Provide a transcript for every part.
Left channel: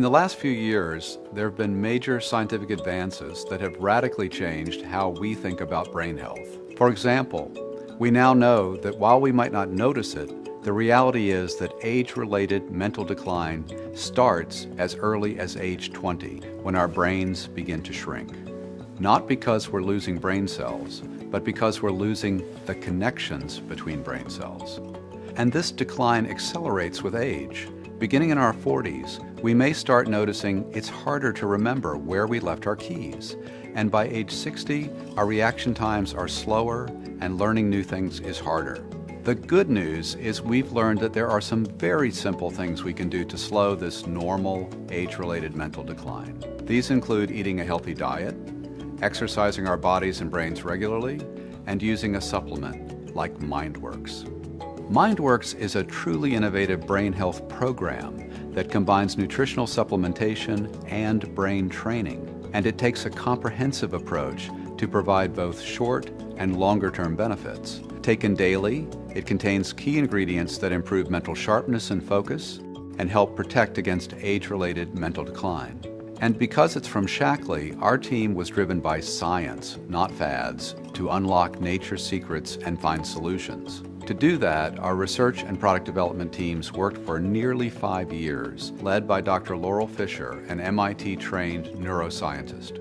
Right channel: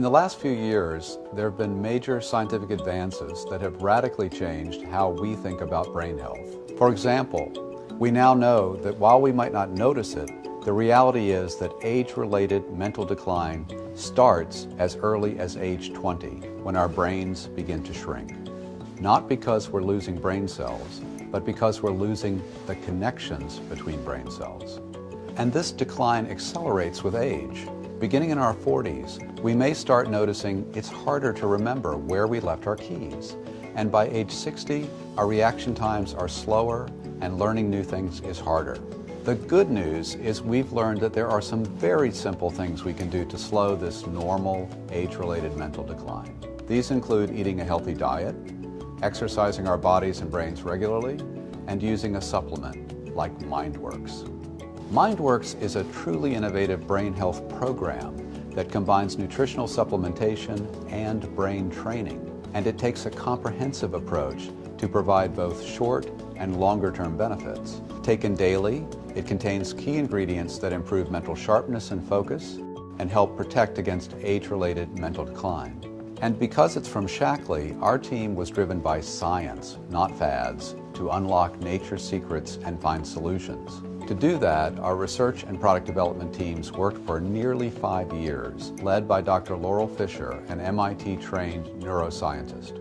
In the last few years, there have been major scientific advances that have radically changed how we think about brain health. For example, we now know that while we might not notice it, the reality is that age-related mental decline starts as early as age 20, when our brains begin to shrink. Not because we're losing brain cells, but because we're losing the connections between brain cells. And this decline accelerates with age. Beginning in our 40s, we may start noticing it's harder to remember where we left our keys. And by age 60, our reaction times are slower and learning new things is harder. The good news is we've learned that there are some very simple things we can do to slow this normal age-related mental decline. These include eating a healthy diet, exercising our bodies and brains regularly, and using a supplement like Mindworks. Mindworks is a truly innovative brain health program that combines nutritional supplementation and brain training, and it takes a comprehensive approach to provide both short and longer-term benefits. Taken daily, it contains key ingredients that improve mental sharpness and focus and help protect against age-related mental decline. And because it's from Shaklee, our team was driven by science, not fads, to unlock nature's secrets and find solutions. To do that, our research and product development teams worked for nearly 5 years, led by Dr. Laurel Fisher, an MIT-trained neuroscientist.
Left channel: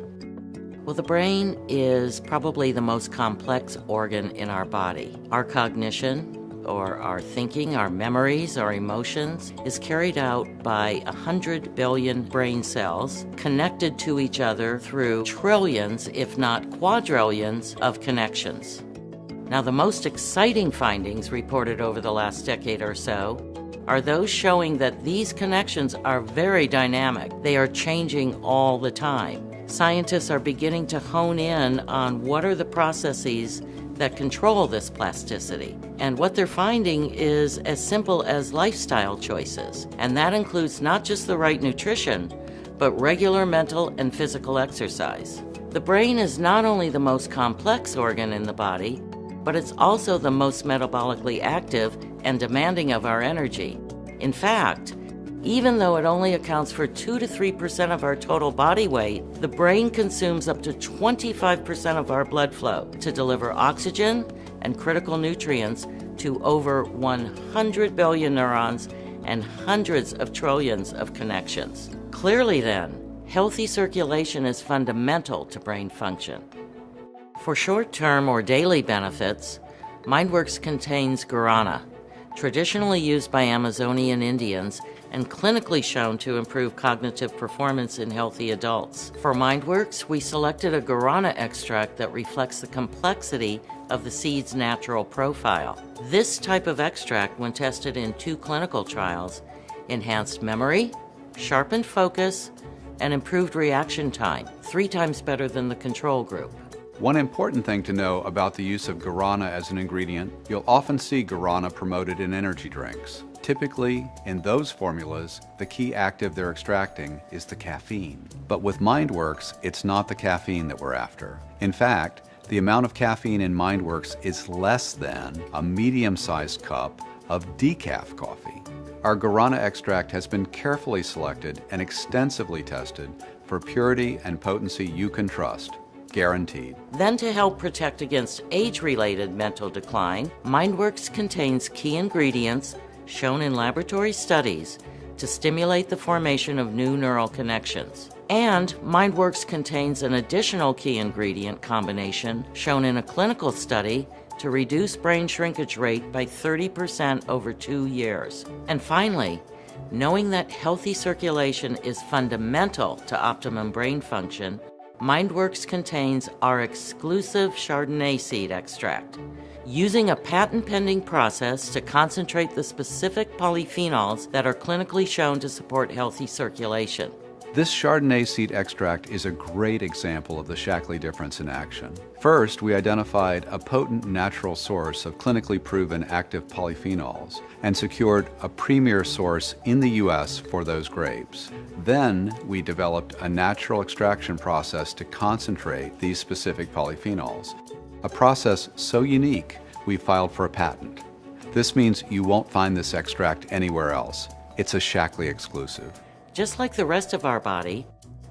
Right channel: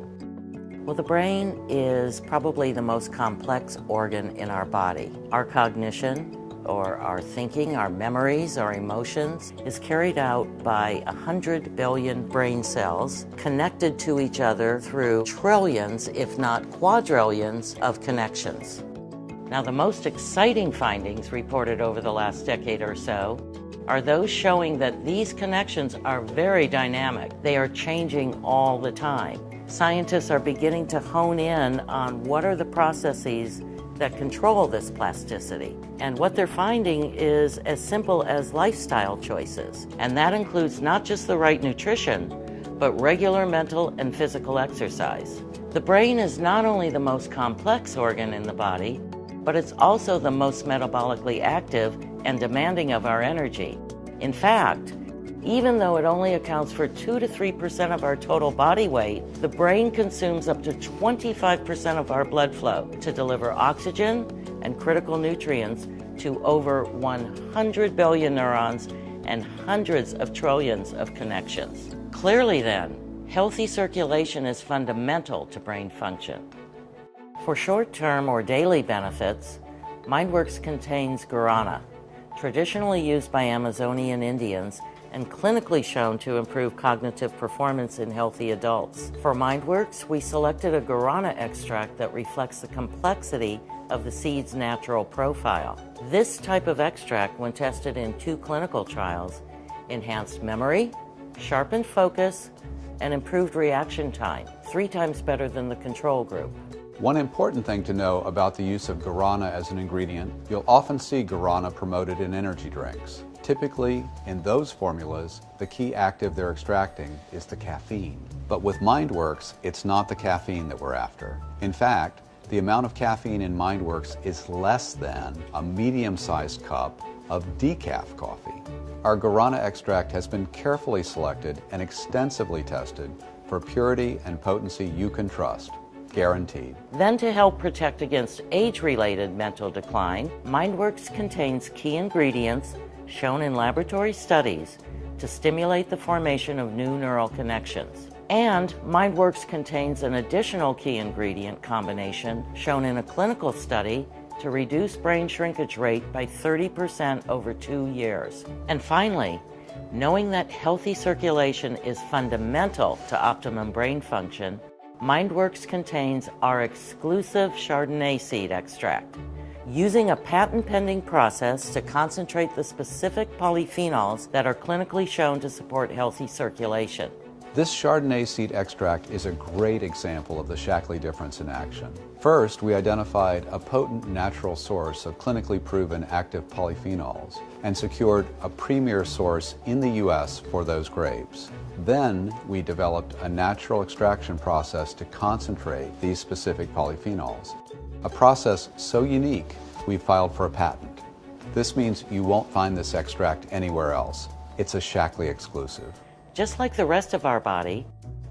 Well, the brain is probably the most complex organ in our body. Our cognition, or our thinking, our memories, our emotions, is carried out by 100 billion brain cells connected to each other through trillions, if not quadrillions, of connections. Now, the most exciting findings reported over the last decade or so are those showing that these connections are very dynamic. They are changing all the time. Scientists are beginning to hone in on what are the processes that control this plasticity. And what they're finding is as simple as lifestyle choices. And that includes not just the right nutrition, but regular mental and physical exercise. The brain is not only the most complex organ in the body, but it's also the most metabolically active and demanding of our energy. In fact, even though it only accounts for 2 to 3% of our total body weight, the brain consumes up to 25% of our blood flow to deliver oxygen and critical nutrients to over 100 billion neurons and hundreds of trillions of connections. Clearly then, healthy circulation is fundamental to brain function. For short-term or daily benefits, Mindworks contains guarana, traditionally used by Amazonian Indians and clinically shown to improve cognitive performance in healthy adults. For Mindworks, we selected a guarana extract that reflects the complexity of the seed's natural profile. This type of extract, when tested in 2 clinical trials, enhanced memory, sharpened focus, and improved reaction time, 3 times better than the control group. One important thing to know about the use of guarana as an ingredient, you'll often see guarana promoted in energy drinks. Typically, in those formulas, the key active they're extracting is the caffeine. But with Mindworks, it's not the caffeine that we're after. In fact, the amount of caffeine in Mindworks is less than a medium-sized cup of decaf coffee. Our guarana extract has been carefully selected and extensively tested for purity and potency you can trust. Guaranteed. Then, to help protect against age-related mental decline, Mindworks contains key ingredients shown in laboratory studies to stimulate the formation of new neural connections. And Mindworks contains an additional key ingredient combination shown in a clinical study to reduce brain shrinkage rate by 30% over 2 years. And finally, knowing that healthy circulation is fundamental to optimum brain function, Mindworks contains our exclusive Chardonnay seed extract. Using a patent-pending process to concentrate the specific polyphenols that are clinically shown to support healthy circulation. This Chardonnay seed extract is a great example of the Shaklee difference in action. First, we identified a potent natural source of clinically proven active polyphenols and secured a premier source in the U.S. for those grapes. Then, we developed a natural extraction process to concentrate these specific polyphenols, a process so unique we filed for a patent. This means you won't find this extract anywhere else. It's a Shaklee exclusive. Just like the rest of our body,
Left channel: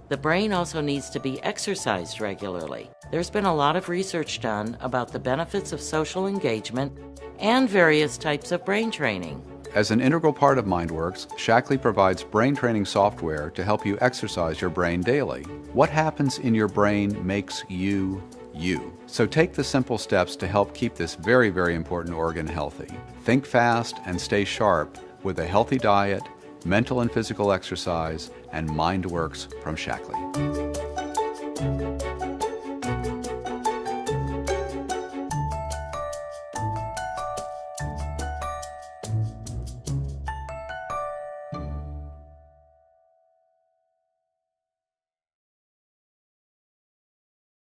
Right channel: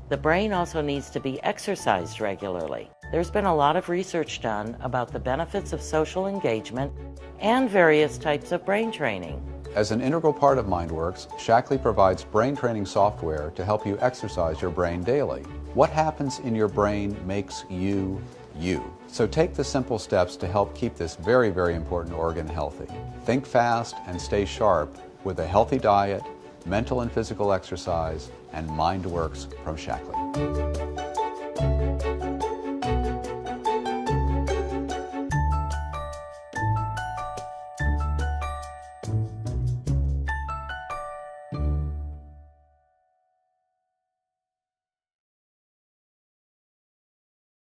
the brain also needs to be exercised regularly. There's been a lot of research done about the benefits of social engagement and various types of brain training. As an integral part of Mindworks, Shaklee provides brain training software to help you exercise your brain daily. What happens in your brain makes you, you. So take the simple steps to help keep this very, very important organ healthy. Think fast and stay sharp with a healthy diet, mental and physical exercise, and Mindworks from Shaklee.